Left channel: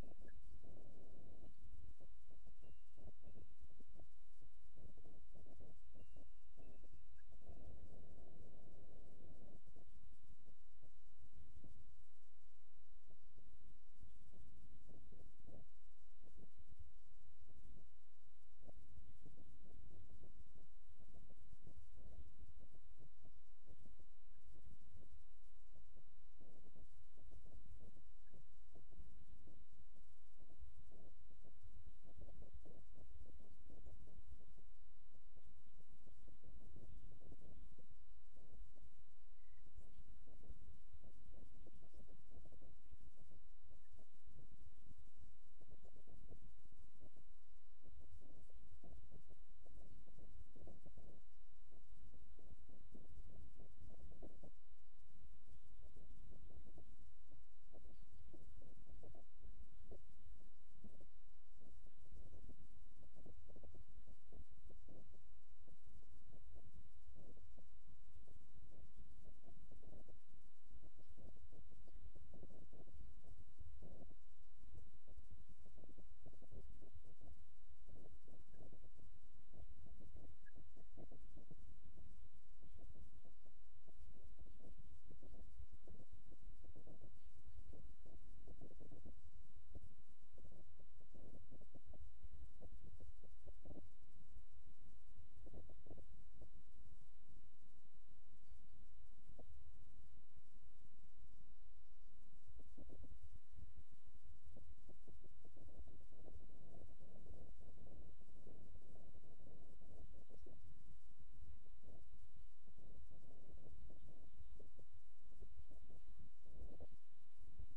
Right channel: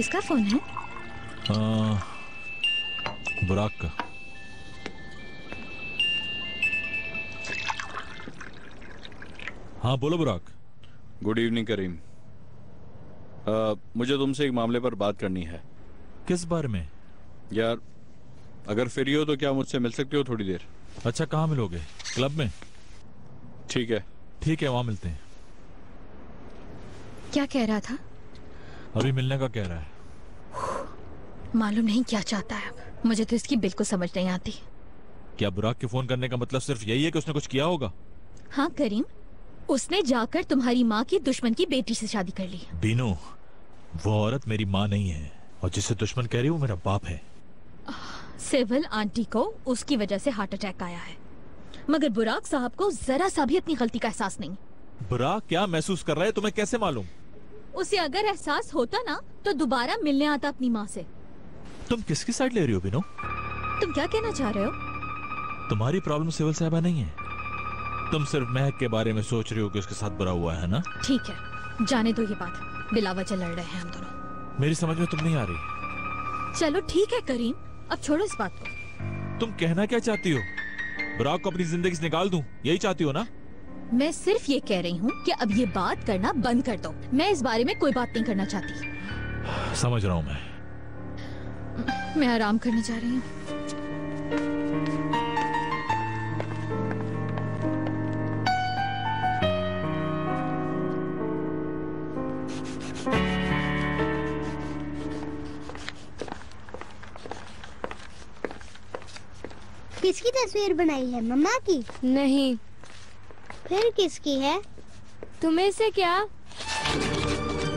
किसका फोन है? बुराक का। हाँ बोलो बुराक। गुड इवनिंग करीम। मुझे तुमसे एक मामले पर बात करनी है। किस बारे में? यार अगर फ्री हो तो क्या मुझसे मिल सकते हो थोड़ी देर? अच्छा, कहाँ मिलोगे? क्लब में? ठीक है। ठीक है, वहां मिलते हैं। क्या कह रहा था? अभी मिलने का कह रहा है। मालूम नहीं क्या चाहता है अब। मुझे तो इसकी बिल्कुल समझ नहीं आती। क्या बुराक के फोन करने का मतलब सिर्फ यही है कि उसने कुछ किया होगा? हाँ करीम, उसने जाकर तुम्हारी माँ की दुश्मन की बेटी से शादी कर ली। बीनू, वो औरत मेरी माँ नहीं है और जिसे दुश्मन कह रही है वो मेरा बाप है। सिविल आंटी को उसकी वजह से हार्ट अटैक आया है, मगर बुराक साहब को जरा सा भी अपनी गलती का एहसास नहीं। बुराक क्या महसूस कर रहा है तुम्हें कैसे मालूम? उसे अगर एहसास होता ना तो दोबारा मिलने आता अपनी माँ से। तुम किसकी साइड ले रही हो बीनू? तुम क्या कहना चाह रहे हो? तुम्हारी प्रॉब्लम सिविल साहबा नहीं है। तुम सिर्फ महक के बारे में सोच रही हो कि उसके साथ बुरा हुआ है ना? ठीक है, जाने दो ये बात। बिला वजह लड़ रहे हैं हम दोनों। मेरी समझ में तुम नहीं आ रही। चलो ठीक है करीम, अब छोड़ो इस बात को। तुम कहना क्या चाहती हो? बुराक को अपनी जिंदगी से निकाल दूं, यही चाहती हो ना? मैं सिर्फ ये कह रही हूँ कि अब ये बात करना बंद कर दो। मैं इस बारे में कोई बात नहीं करना चाहती। समझ रहा हूँ मैं आराम करने जा रही हूँ। किसकी तस्वीर बनाई है? मम्मा की? नहीं। फिर किसकी है? तुम्हें से क्या?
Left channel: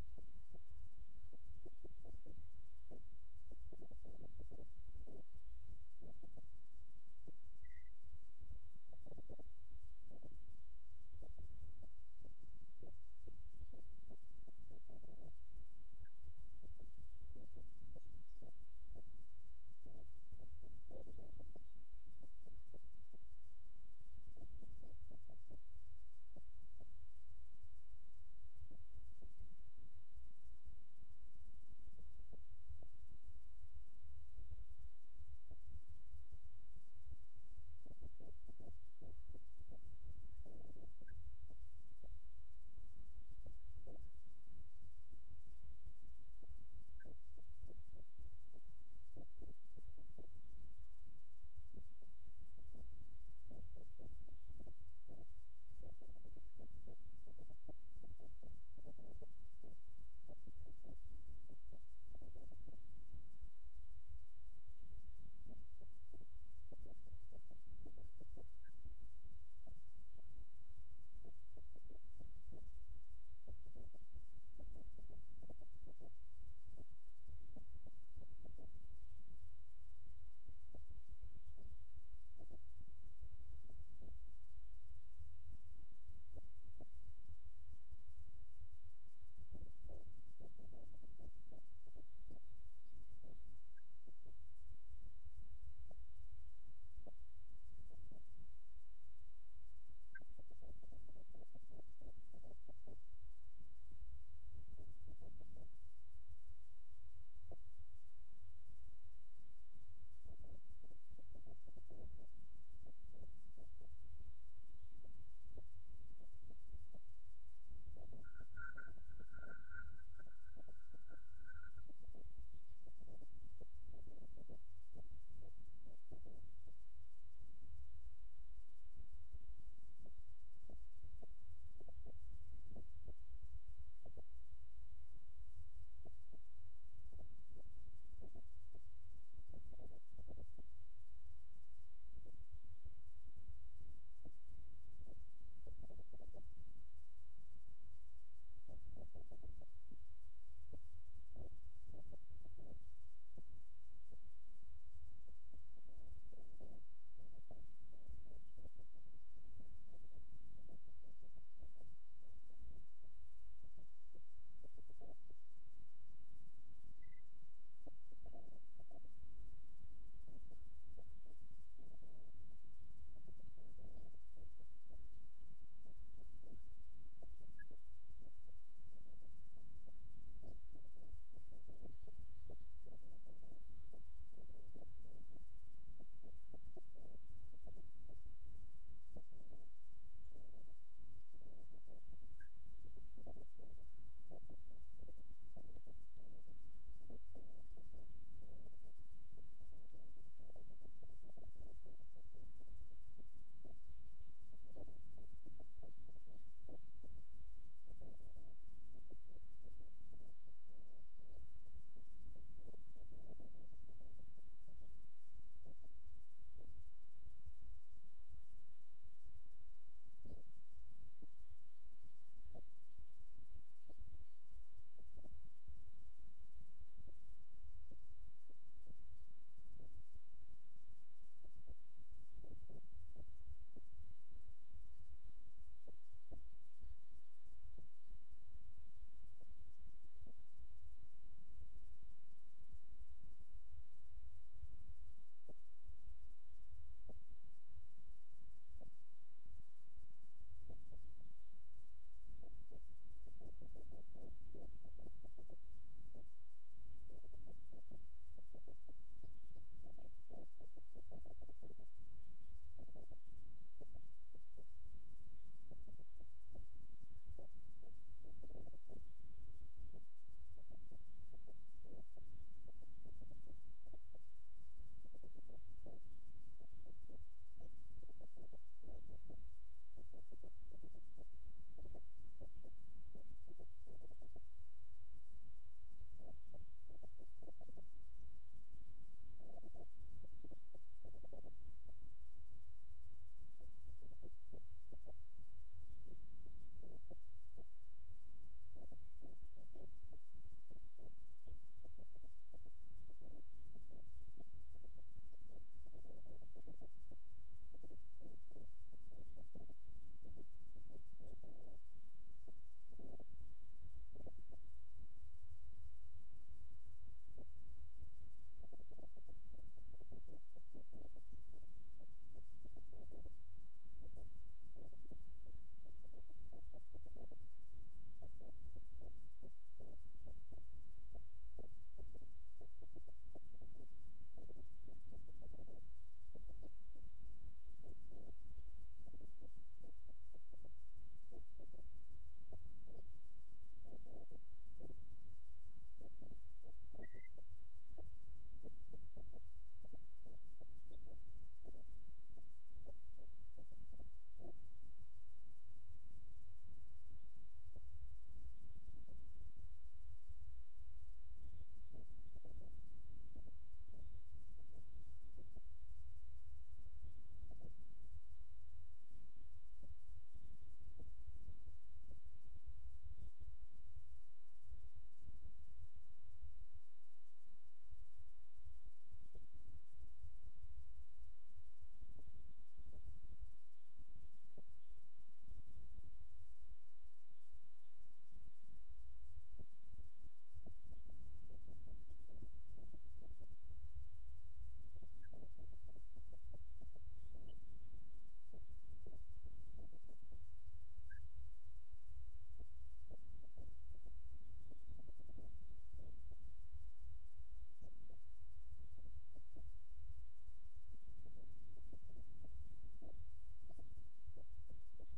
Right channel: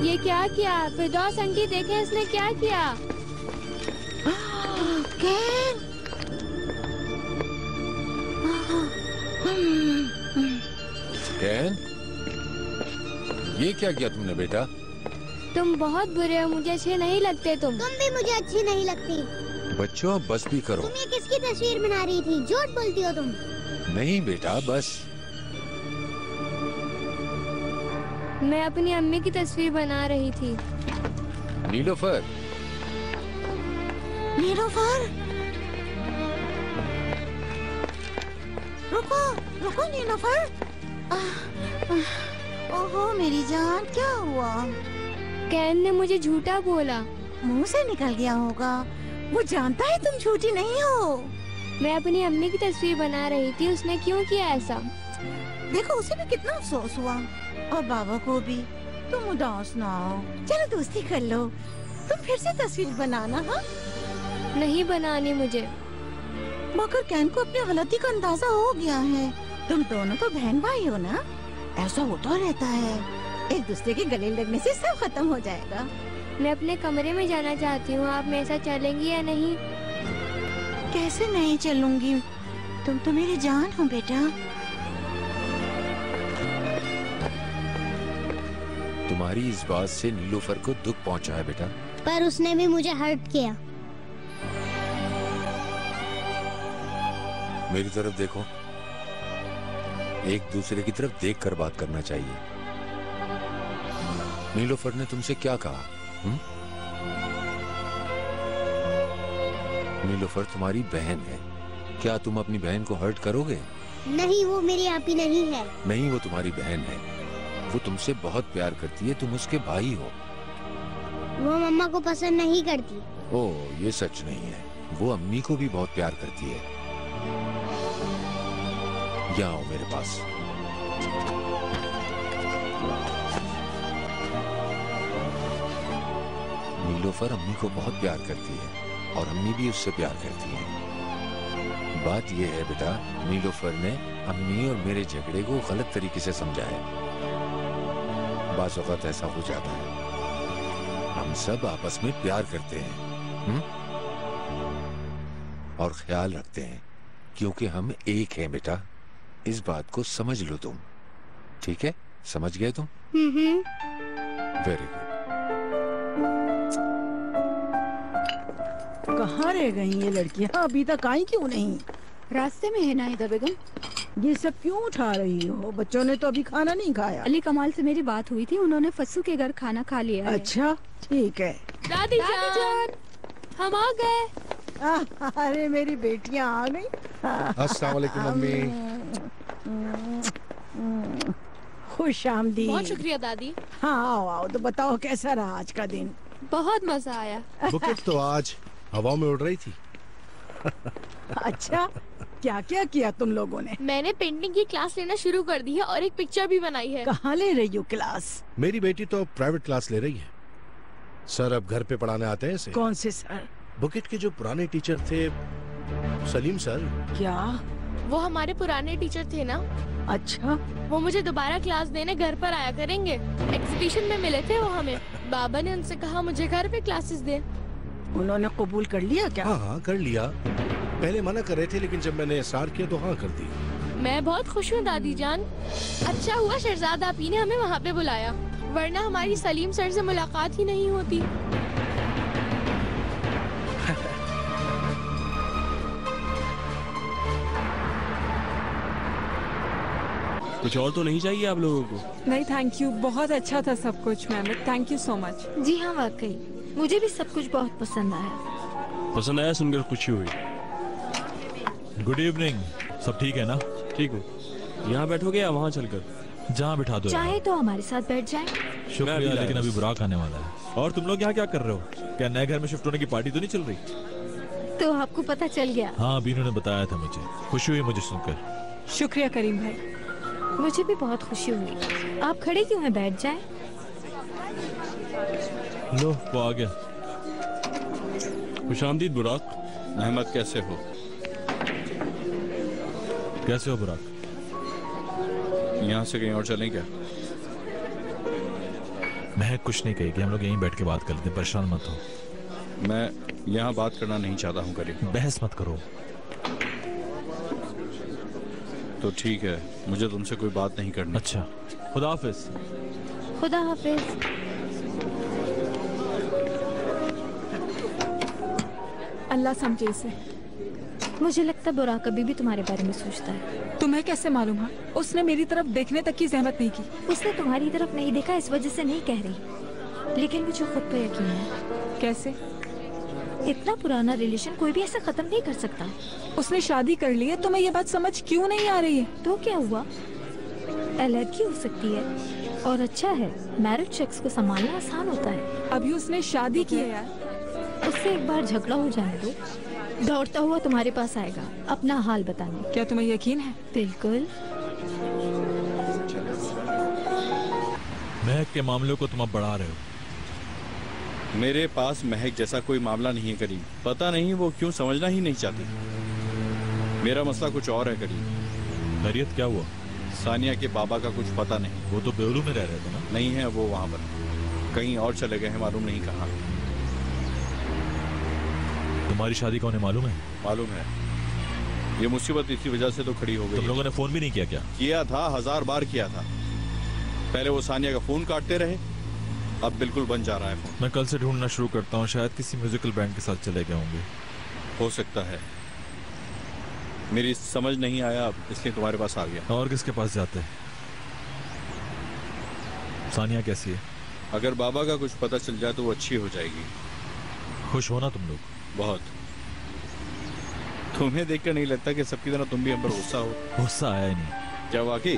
ये क्या किया? फिरदौस आंटी देखें इसने क्या किया? कैन? कैन, ये क्या किया तुमने बेटा? तुम बहुत बुरे हो, मुझे अच्छे नहीं लगते तुम भी मुझे अच्छी नहीं लगती। बच्चों अब बस भी करो। तुम ये किसकी तस्वीर बना रही थी? झूठ बोलती हो तुम। नहीं बेटा बस। मैं अपनी अम्मी की तस्वीर बना रही थी। नीलोफर, नीलोफर, रुको रुको नीलोफर। ओहो मेरी जान, क्या हुआ? कैन ने मुझे झूठा बोला। मुंह से निकल गया होगा। वो जानता है तुम झूठी नहीं हो। मैं अपनी अम्मी की तस्वीर बना रही थी, उसने क्यों किया ऐसा? देखो उसे भी कितना अफसोस हुआ और बाबा को भी। तुम उदास ना हो, चलो दोस्ती कर लो। तुम फिर से तस्वीर बनाना। हाँ नहीं बनानी मुझे। मगर कैन को अपनी गलती का अंदाजा हो गया है। तुम दोनों तो बहन भाई हो ना, ऐसा होता रहता है। एक दूसरे के गले लगने से सब खत्म हो जाएगा। मैं अपने कमरे में जाना चाहती हूँ, आप मेरे साथ चलेंगी या नहीं? कैसे नहीं चलूंगी, तुम तो मेरी जान हो बेटा। तुम्हारी इस बात से नीलोफर को दुख पहुंचा है बेटा। पर उसने भी मुझे हर्ट किया। मेरी तरफ देखो, एक दूसरे की तरफ देखकर बात करना चाहिए। नीलोफर ने तुमसे क्या कहा? नीलोफर तुम्हारी बहन है, क्या तुम अपनी बहन को हर्ट करोगे? नहीं, वो मेरी आपी नहीं है। नहीं, वो तुम्हारी बहन है। वो तुमसे बहुत प्यार करती है, तुम उसके भाई हो। वो मम्मा को पसंद नहीं करती। ओह, ये सच नहीं है। वो अम्मी को भी बहुत प्यार करती है। यहाँ आओ मेरे पास। नीलोफर अम्मी को बहुत प्यार करती है और अम्मी भी उससे प्यार करती है। बात यह है बेटा, नीलोफर ने अम्मी और मेरे झगड़े को गलत तरीके से समझा है। बाज़ औक़ात ऐसा हो जाता है। हम सब आपस में प्यार करते हैं और ख्याल रखते हैं, क्योंकि हम एक हैं बेटा। इस बात को समझ लो तुम, ठीक है? समझ गए तुम? Very good. कहाँ रह गई ये लड़कियाँ? अभी तक आई क्यों नहीं? रास्ते में है नाहिदा बेगम। ये सब क्यों उठा रही हो? बच्चों ने तो अभी खाना नहीं खाया। अली कमाल से मेरी बात हुई थी, उन्होंने फस्सू के घर खाना खा लिया है। अच्छा ठीक है। दादी जान, हम आ गए। अरे मेरी बेटियां आ गई। अस्सलाम वालेकुम मम्मी। खुश आमदीद। बहुत शुक्रिया दादी। हाँ आओ आओ, तो बताओ कैसा रहा आज का दिन? बहुत मजा आया। बुकेट तो आज हवा में उड़ रही थी। अच्छा, क्या क्या किया तुम लोगों ने? मैंने पेंटिंग की क्लास लेना शुरू कर दी है और एक पिक्चर भी बनाई है। कहाँ ले रही हो क्लास? मेरी बेटी तो प्राइवेट क्लास ले रही है। सर अब घर पे पढ़ाने आते हैं इसे। कौन से सर? बुकेट के जो पुराने टीचर थे, सलीम सर। क्या? वो हमारे पुराने टीचर थे ना। अच्छा, वो मुझे दोबारा क्लास देने घर पर आया करेंगे। एग्जीबिशन में मिले थे वो हमें। बाबा ने उनसे कहा मुझे घर पे क्लासेस दे। उन्होंने कबूल कर लिया क्या? हाँ कर लिया। पहले मना कर रहे थे, लेकिन जब मैंने इस्रार किया तो हाँ कर दी। मैं बहुत खुश हूँ दादी जान। अच्छा हुआ शहजाद आपी ने हमें वहाँ पे बुलाया, वरना हमारी सलीम सर से मुलाकात ही नहीं होती। कुछ और तो नहीं चाहिए आप लोगों को? नहीं थैंक यू, बहुत अच्छा था सब कुछ ma'am, thank you so much. जी हाँ वाकई, मुझे भी सब कुछ बहुत पसंद आया। पसंद आया सुनकर खुशी हुई। Good evening. सब ठीक है ना? ठीक हूँ। यहाँ बैठोगे या वहाँ चलकर? जहाँ बिठा दो। चाहे तो हमारे साथ बैठ जाएं। शुक्रिया, लेकिन अभी बुराक आने वाला है। और तुम लोग यहाँ क्या कर रहे हो? क्या नए घर में शिफ्ट होने की पार्टी तो नहीं चल रही? तो आपको पता चल गया? हाँ, बीनू ने बताया था मुझे। खुशी हुई मुझे सुनकर। शुक्रिया करीम भाई। मुझे भी बहुत खुशी हुई। आप खड़े क्यों हैं? बैठ जाएं। लो, वो आ गया। खुशामदीद बुराक। अहमद कैसे हो? कैसे हो बुराक? यहाँ से कहीं और चलें क्या? मैं कुछ नहीं कहेगी, हम लोग यहीं बैठ के बात कर लेते हैं, परेशान मत हो। मैं यहाँ बात करना नहीं चाहता हूँ करीम। बहस मत करो। तो ठीक है, मुझे तुमसे कोई बात नहीं करनी। अच्छा, खुदा हाफिज। खुदा हाफिज। अल्लाह समझे इसे। मुझे लगता है बुराक अभी भी तुम्हारे बारे में सोचता है। तुम्हें कैसे मालूम है? उसने मेरी तरफ देखने तक की जहमत नहीं की। उसने तुम्हारी तरफ नहीं देखा, इस वजह से नहीं कह रही, लेकिन मुझे खुद पे यकीन है। कैसे? इतना पुराना रिलेशन कोई भी ऐसे खत्म नहीं कर सकता। उसने शादी कर ली है, तुम्हें ये बात समझ क्यों नहीं आ रही है? तो क्या हुआ? अलग हो सकती है और अच्छा है, मैरिड शख्स को संभालना आसान होता है। अभी उसने शादी की है यार। उससे एक बार झगड़ा हो जाने दो, दौड़ता हुआ तुम्हारे पास आएगा अपना हाल बताने। क्या तुम्हें यकीन है? बिल्कुल। महक के मामलों को तुम अब बढ़ा रहे हो। मेरे पास महक जैसा कोई मामला नहीं है करीम। पता नहीं वो क्यों समझना ही नहीं चाहती। मेरा मसला कुछ और है करीम। खैरियत क्या हुआ? सानिया के बाबा का कुछ पता नहीं। वो तो बेलू में रह रहे थे ना? नहीं है वो वहाँ पर, कहीं और चले गए हैं, मालूम नहीं कहाँ। तुम्हारी शादी का उन्हें मालूम है? मालूम है। ये मुसीबत इसी वजह से तो खड़ी हो गई। तुम लोगों ने फोन भी नहीं किया क्या? किया था, 1000 बार किया था। पहले वो सानिया का फोन काटते रहे, अब बिल्कुल बंद जा रहा है फोन। मैं कल से ढूंढना शुरू करता हूँ, शायद किसी म्यूजिकल बैंड के साथ चले गए होंगे। हो सकता है, मेरी समझ नहीं आया, इसलिए तुम्हारे पास आ गया। और किसके पास जाते हैं? सानिया कैसी है? अगर बाबा का कुछ पता चल जाए तो वो अच्छी हो जाएगी। खुश हो ना तुम लोग? बहुत। तुम्हें देखकर नहीं लगता कि सबकी तरह तुम भी हम पर गुस्सा हो? गुस्सा आया ही नहीं। क्या वाकई?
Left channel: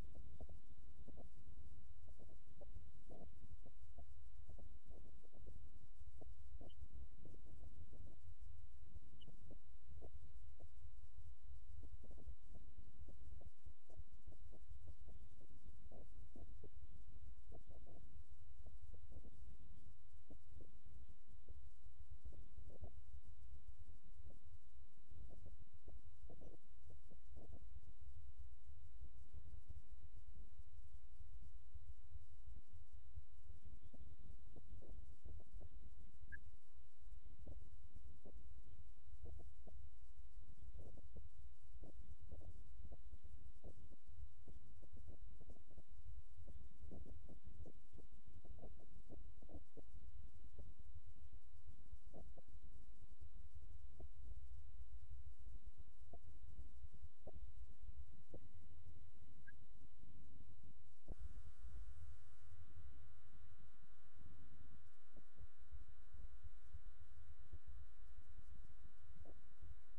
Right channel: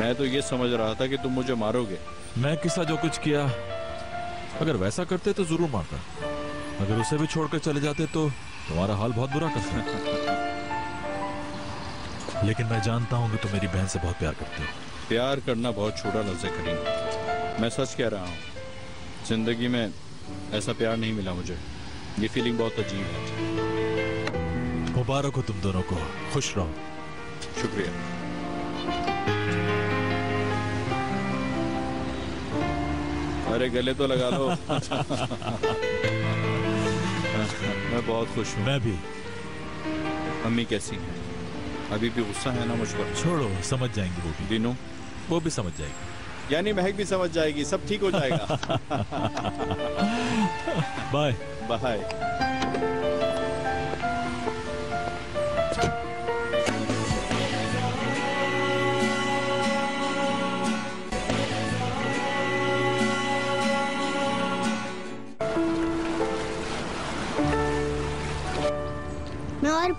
मैं तो ये समझ रहा था कि तुम मुझे मारोगे। मैं किसा जो कुछ किया, अगर वैसा करते तो जरूर मारता। अगर उसे भी छोड़कर चले जाते तो तुम्हारा हाल बहुत बुरा कर सकता। लेकिन मैं जानता हूँ कि तुम मेरी बहन से बहुत प्यार करते हो। प्यार करना बहुत छोटा लफ्ज़ है करीम। मैं सच कह रहा हूँ, जिंदगी में ऐसा प्यार नहीं मिला मुझे। ये फीलिंग बहुत अजीब है। मुबारक हो तुम दोनों को, खुश रहो। शुक्रिया। अरे गले तो लगा लो। मैं बहुत खुश हूँ। मैं भी। अम्मी कैसी हैं? अभी भी गुस्सा है ना मुझ पर? छोड़ो, समझ जाएंगी वो भी। दीनू? वो भी समझ जाएगी। यानी महक भी समझ जाएगी, सब ठीक हो जाएगा। Bye bye.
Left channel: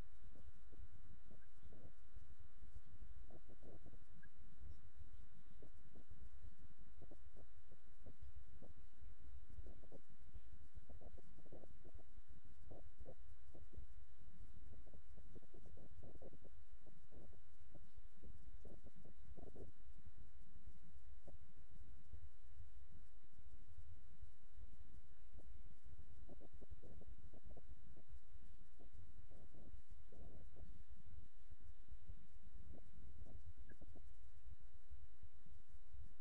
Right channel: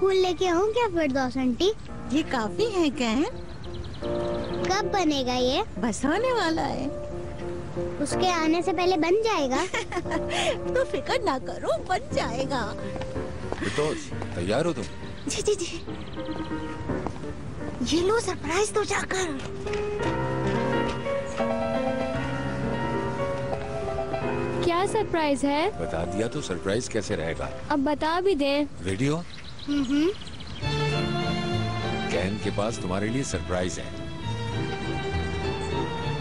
फूल लेके आऊँ क्या फिरदौस आंटी? ये काफी है कैन। कब बनेगा ये? बस होने वाला है। उसके आने से पहले बन जाएगा? तो फिक्र ना करो, बन जाएगा। फिरदौस, तैयार हो तुम? जी जी जी। ये लो सरप्राइज दो जाकर। क्या सरप्राइज है? बता दिया तो सरप्राइज कैसे रहेगा? अब बता भी दे। रेडियो? कैन के पास तुम्हारे लिए सरप्राइज है।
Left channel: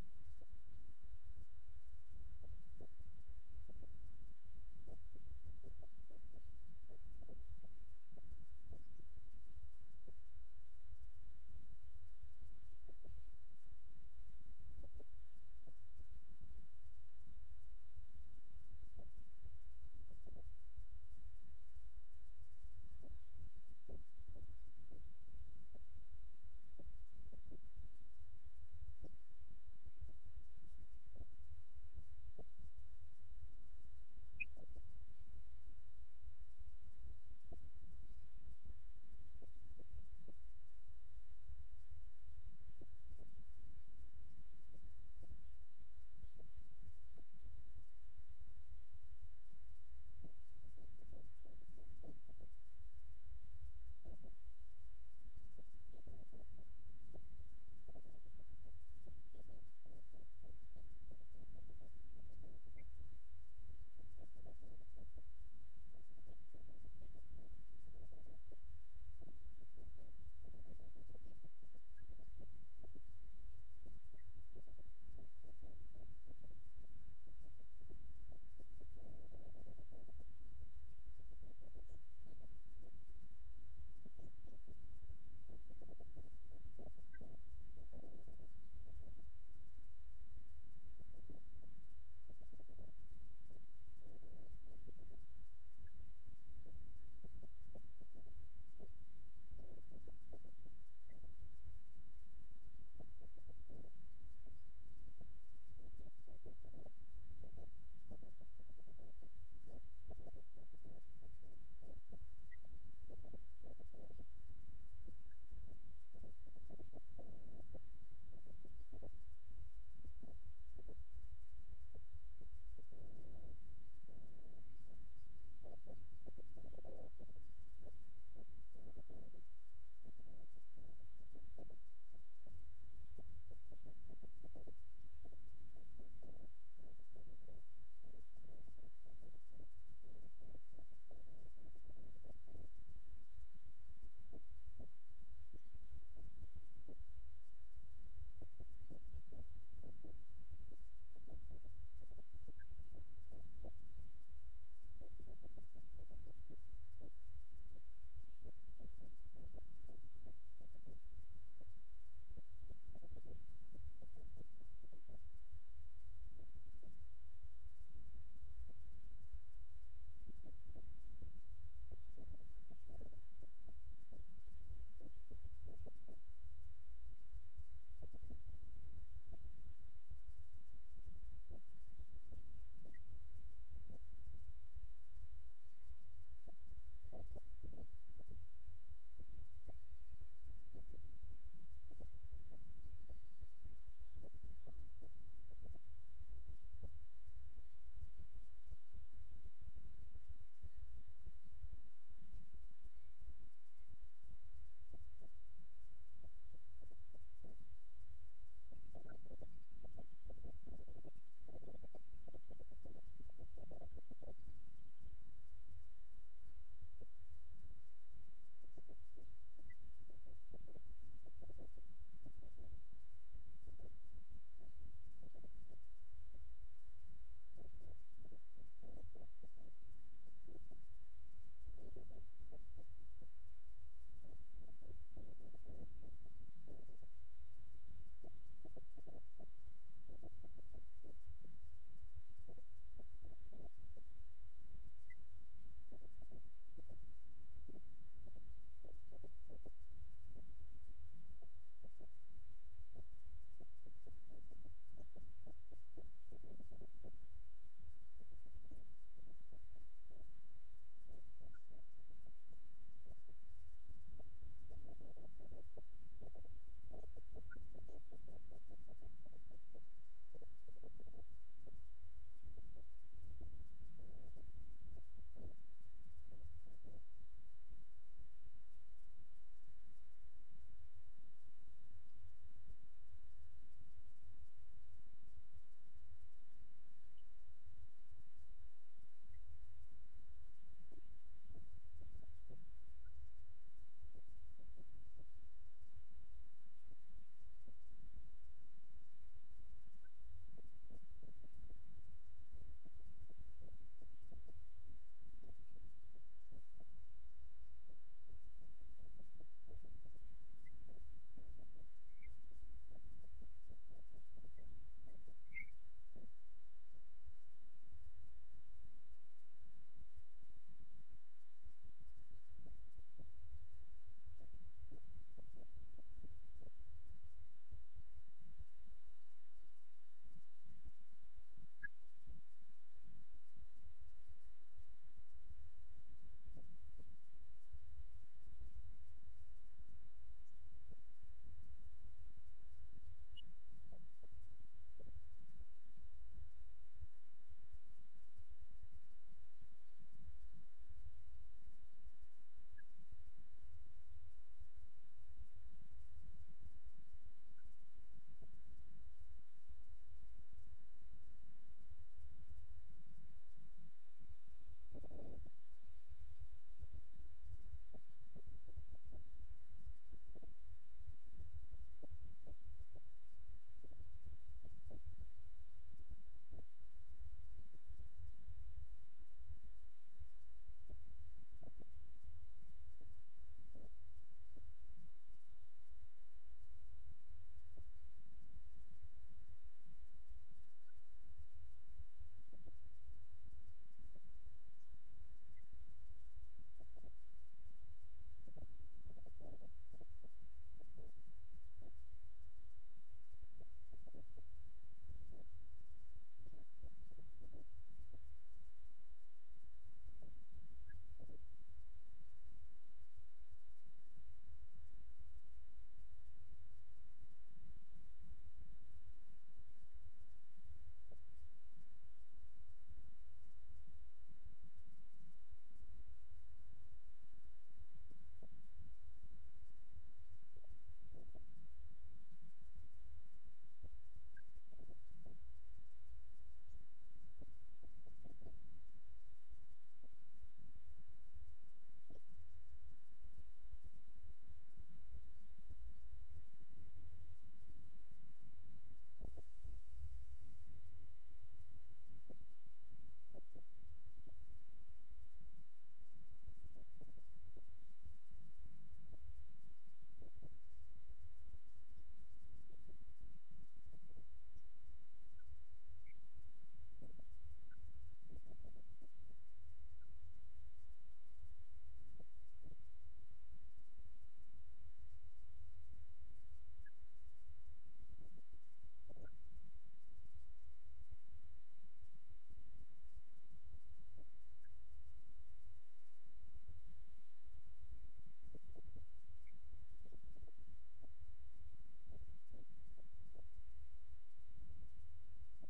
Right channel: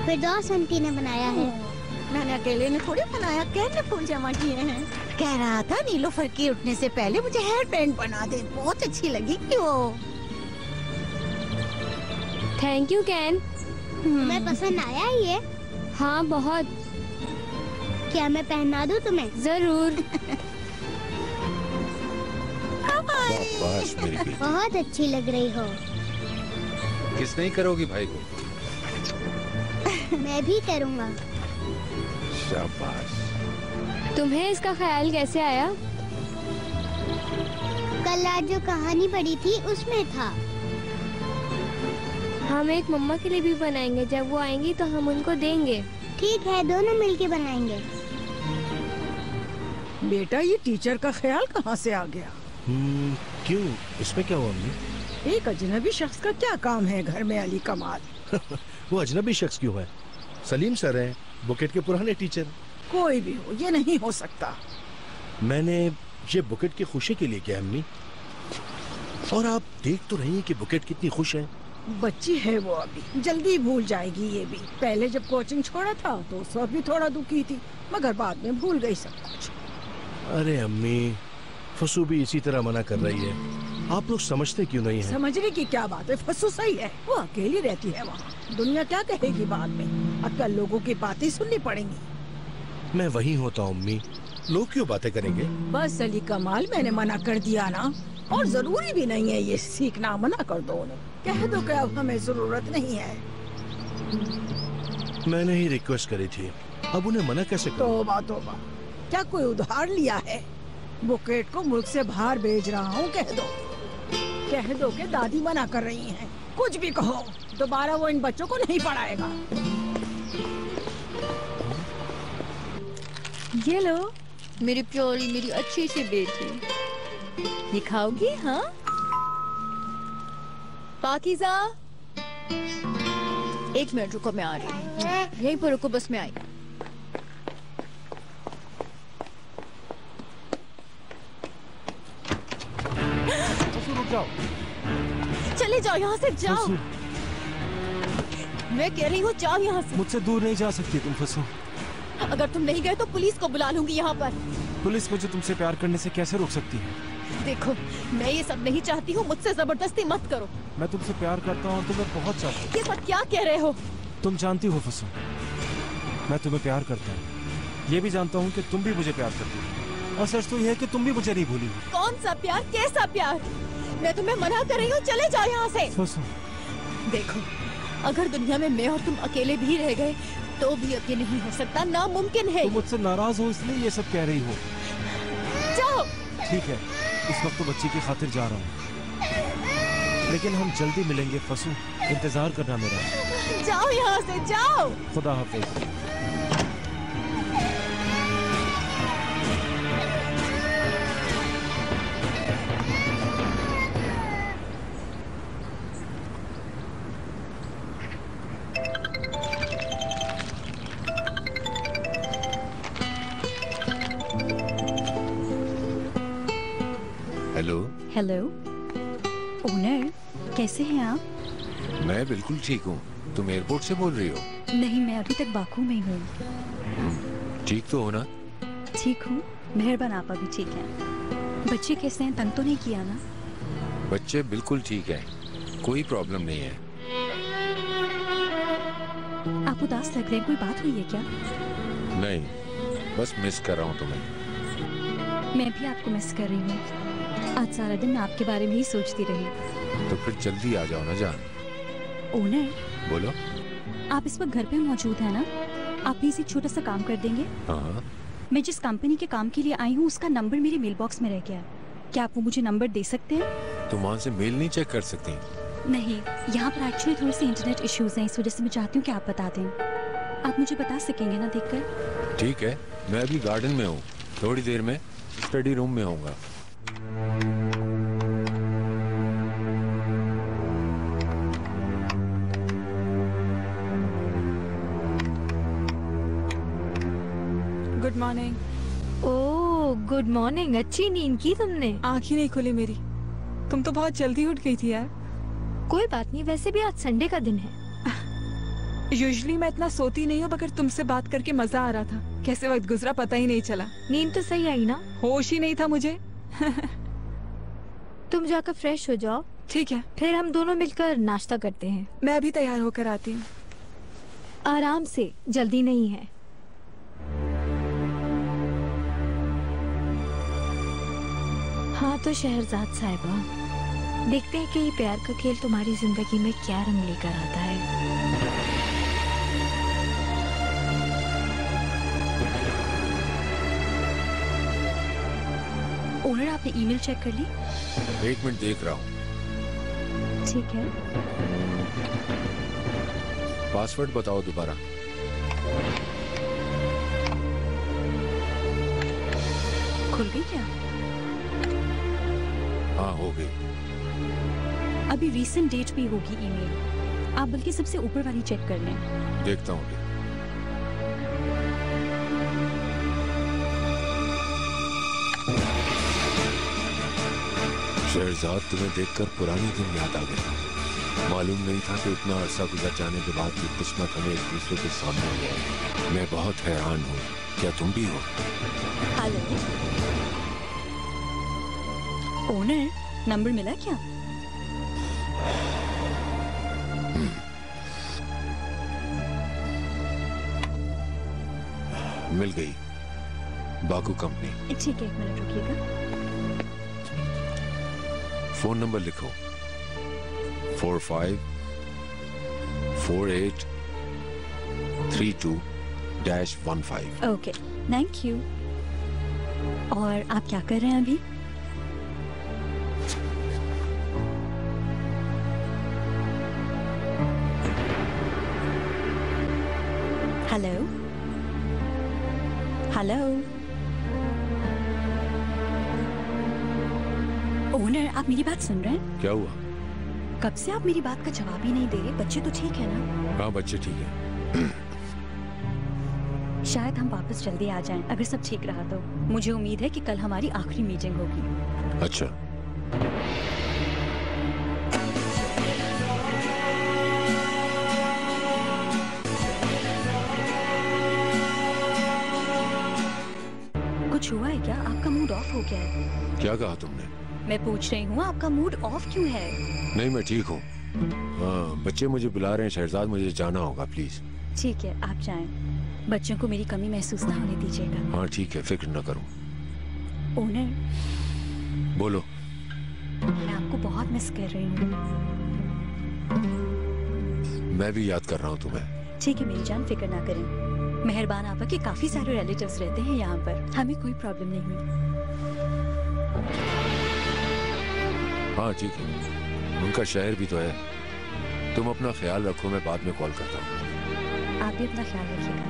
फिरदौस आंटी ने बनाया है। मैंने अकेले ने थोड़ी बनाया, कैन ने फूल जमा किए हैं। कह रहा था नीलोफर के उठने से पहले मुझे हेयर बैंड बना दे, बहुत अच्छी लगी वो। Thank you can. तुम्हें पसंद आया ये? हाँ बहुत। क्या मैं पहना दूँ तुम्हें? जरूर। शाबाश मेरी बेटी। बहुत अच्छी लग रही हो। किस नहीं करोगी भाई को? मैं भी करूँगा। शाबाश। तुम्हें इसका ख्याल कैसे आया? कल रात जो कहानी पढ़ी थी उसमें था। हम एक मम्मा के लिए भी बनाएंगे, जब वो आएंगी तो हम उनको देंगे। ठीक है, दोनों मिलके बनाएंगे। बेटा ये टीचर का ख्याल कहाँ से आ गया? क्यों, इसमें क्या हुआ अम्मी? एक अजनबी शख्स का क्या काम है घर में अली कमाल? वो अजनबी शख्स क्यों है? सलीम सर हैं, बुकेट के पुराने टीचर। कोई भी हो, ये नहीं हो सकता। मैंने ये बुकेट की खुशी के लिए किया अम्मी, और आप देख तो रही हैं कि बुकेट कितनी खुश है। बच्ची है वो, अभी जल्दी भूल जाएगी ये भी। पहले जब कोचिंग छोड़ा था तो उस वक्त भी थोड़ा दुखी थी, मगर बाद में भूल गई सब कुछ। अरे अम्मी, फसू भी इसी तरह मना कर रही है, आप लोग समझते क्यों नहीं है? समझने की क्या बात है, फसू सही है, वो अकेली रहती है वहाँ। दुनिया क्या कहेगी बाद में? अब कल लोगों की बातें सुननी पड़ेंगी। मैं वहीं होता हूँ अम्मी, लोग क्यों बातें करेंगे? बस अली कमाल, मैंने मना कर दिया ना, और जरूरी भी नहीं है ये सीखना। मना कर दो उन्हें, कह दो कि अब हमें जरूरत नहीं है। मैंने ही रिक्वेस्ट करी थी, अब उन्हें मना कैसे करूं? तौबा तौबा, क्या कोई उधार लिया है? बुकेट को मुल्क से बाहर भेज रहा हूँ, कह दो कि दादी मना कर रही हैं। कुछ भी कहो, दोबारा वो इन बच्चों को नहीं पढ़ाएगा। ये लो मेरी प्यारी, मेरी अच्छी सी बेटी, ये खाओगी? हाँ पाकीज़ा, एक मिनट रुको, मैं आ रही हूँ। यहीं पर रुको, बस मैं आई। रुक जाओ। चले जाओ यहाँ से, जाओ। मैं कह रही हूँ जाओ यहाँ से। मुझसे दूर नहीं जा सकती तुम फसो। अगर तुम नहीं गए तो पुलिस को बुला लूंगी यहाँ पर। पुलिस मुझे तुमसे प्यार करने से कैसे रोक सकती है? देखो, मैं ये सब नहीं चाहती हूँ, मुझसे जबरदस्ती मत करो। मैं तुमसे प्यार करता हूँ और तुम्हें बहुत चाहती हूँ। ये सब क्या कह रहे हो? तुम जानती हो फसो, मैं तुम्हें प्यार करता हूँ। ये भी जानता हूँ कि तुम भी मुझे प्यार करती हो, और सच तो यह है कि तुम भी मुझे नहीं भूली हो। कौन सा प्यार, कैसा प्यार? मैं तुम्हें मना कर रही हूँ, चले जाओ यहाँ से। फसो, देखो, अगर दुनिया में मैं और तुम अकेले भी रह गए तो भी अब ये नहीं हो सकता, नामुमकिन है। तुम मुझसे नाराज हो इसलिए ये सब कह रही हो। जाओ। ठीक है, इस वक्त तो बच्ची की खातिर जा रहा हूँ, लेकिन हम जल्दी मिलेंगे फसू, इंतजार करना मेरा। जाओ यहाँ से, जाओ। खुदा हाफिज। हेलो। हेलो ओनर, कैसे हैं आप? मैं बिल्कुल ठीक हूँ, तुम एयरपोर्ट से बोल रही हो? नहीं, मैं अभी तक बाकू में हूँ। ठीक तो हो ना? ठीक हूँ, मेहरबान, आप अभी ठीक हैं? बच्चे कैसे हैं, तंग तो नहीं किया ना? बच्चे बिल्कुल ठीक है, कोई प्रॉब्लम नहीं है। आप उदास लग रहे हैं, कोई बात हुई है क्या? नहीं, बस मिस कर रहा हूँ तुम्हें। मैं भी आपको मिस कर रही हूँ। आज सारा दिन मैं आपके बारे में ही सोचती रही। तो फिर जल्दी आ जाओ ना जान। ओनर, बोलो। आप इस वक्त घर पे मौजूद है ना? आप प्लीज एक छोटा सा काम कर देंगे? हाँ। मैं जिस कंपनी के काम के लिए आई हूँ उसका नंबर मेरे मेल बॉक्स में रह गया है। क्या आप वो मुझे नंबर दे सकते हैं? तुम वहाँ से मेल नहीं चेक कर सकती? नहीं, यहाँ पर एक्चुअली थोड़े से इंटरनेट इश्यूज हैं, इस वजह से मैं चाहती हूँ कि आप बता दें। आप मुझे बता सकेंगे ना देखकर? ठीक है, मैं अभी गार्डन में हूँ, थोड़ी देर में स्टडी रूम में आऊँगा। Good morning. Oh good morning. अच्छी नींद की तुमने? आँख ही नहीं खुली मेरी। तुम तो बहुत जल्दी उठ गई थी यार। कोई बात नहीं, वैसे भी आज संडे का दिन है। यूजुअली मैं इतना सोती नहीं हूँ, मगर तुमसे बात करके मजा आ रहा था। कैसे वक्त गुजरा पता ही नहीं चला। नींद तो सही आई ना? होश ही नहीं था मुझे। तुम जाकर फ्रेश हो जाओ। ठीक है, फिर हम दोनों मिलकर नाश्ता करते हैं। मैं अभी तैयार होकर आती हूँ। आराम से, जल्दी नहीं है। हाँ तो शहरजाद साहिबा, देखते हैं कि ये प्यार का खेल तुम्हारी जिंदगी में क्या रंग लेकर आता है। ओनर, आपने ईमेल चेक कर ली? 1 मिनट देख रहा हूँ। ठीक है। पासवर्ड बताओ दोबारा। खुल गई क्या? हाँ हो गई। अभी रीसेंट डेट पे होगी ईमेल। आप बल्कि सबसे ऊपर वाली चेक कर लें। देखता हूँ। शहरजाद, तुम्हें देखकर पुराने दिन याद आ गए। मालूम नहीं था कि इतना अरसा गुजर जाने के बाद भी किस्मत हमें एक दूसरे के सामने ले आई। मैं बहुत हैरान हूँ, क्या तुम भी हो? हेलो ओनर, नंबर मिला क्या? मिल गई। Baku company. ठीक है, 1 मिनट रुकिएगा। फोन नंबर लिखो। 454832-15। Okay, thank you. और आप क्या कर रहे हैं अभी? हेलो हेलो ओनर, आप मेरी बात सुन रहे हैं? क्या हुआ? कब से आप मेरी बात का जवाब ही नहीं दे रहे। बच्चे तो ठीक है ना? हाँ बच्चे ठीक है। शायद हम वापस जल्दी आ जाएं, अगर सब ठीक रहा तो। मुझे उम्मीद है कि कल हमारी आखिरी मीटिंग होगी। अच्छा। कुछ हुआ है क्या? आपका मूड ऑफ हो गया है? क्या कहा तुमने? मैं पूछ रही हूँ आपका मूड ऑफ क्यों है? नहीं, मैं ठीक हूँ। हाँ, बच्चे मुझे बुला रहे हैं। शहरजाद, मुझे जाना होगा प्लीज। ठीक है, आप जाएं। बच्चों को मेरी कमी महसूस ना होने दीजिएगा। हाँ ठीक है, फिक्र न करो। ओनर, बोलो। मैं आपको बहुत मिस कर रही हूँ। मैं भी याद कर रहा हूँ तुम्हें। ठीक है मेरी जान, फिक्र ना करें। मेहरबान आपा के काफी सारे रिलेटिव्स रहते हैं यहाँ पर, हमें कोई प्रॉब्लम नहीं हुई। हाँ ठीक है, उनका शहर भी तो है। तुम अपना ख्याल रखो, मैं बाद में कॉल करता हूँ। आप भी अपना ख्याल रखिएगा।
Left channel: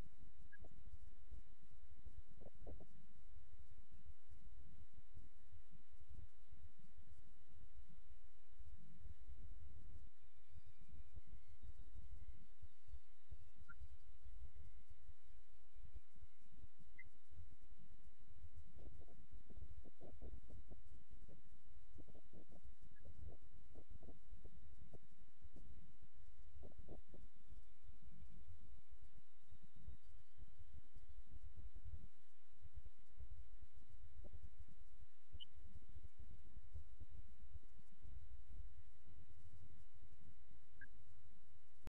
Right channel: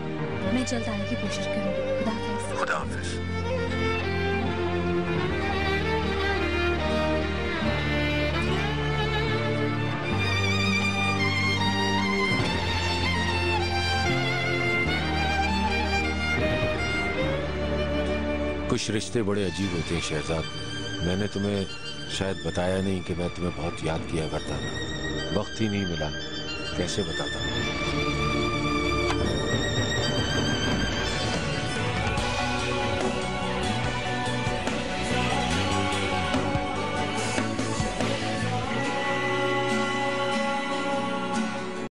मैं जल्द आने की कोशिश करूँगी। खुदा हाफिज। खुदा हाफिज। कुछ रिश्ते बड़े अजीब होते हैं शहजाद। मैंने तुम्हें शायद बताया नहीं कि मैं तुम्हें बहुत याद किया करता था। वक्त ही नहीं मिला, कैसे बताता।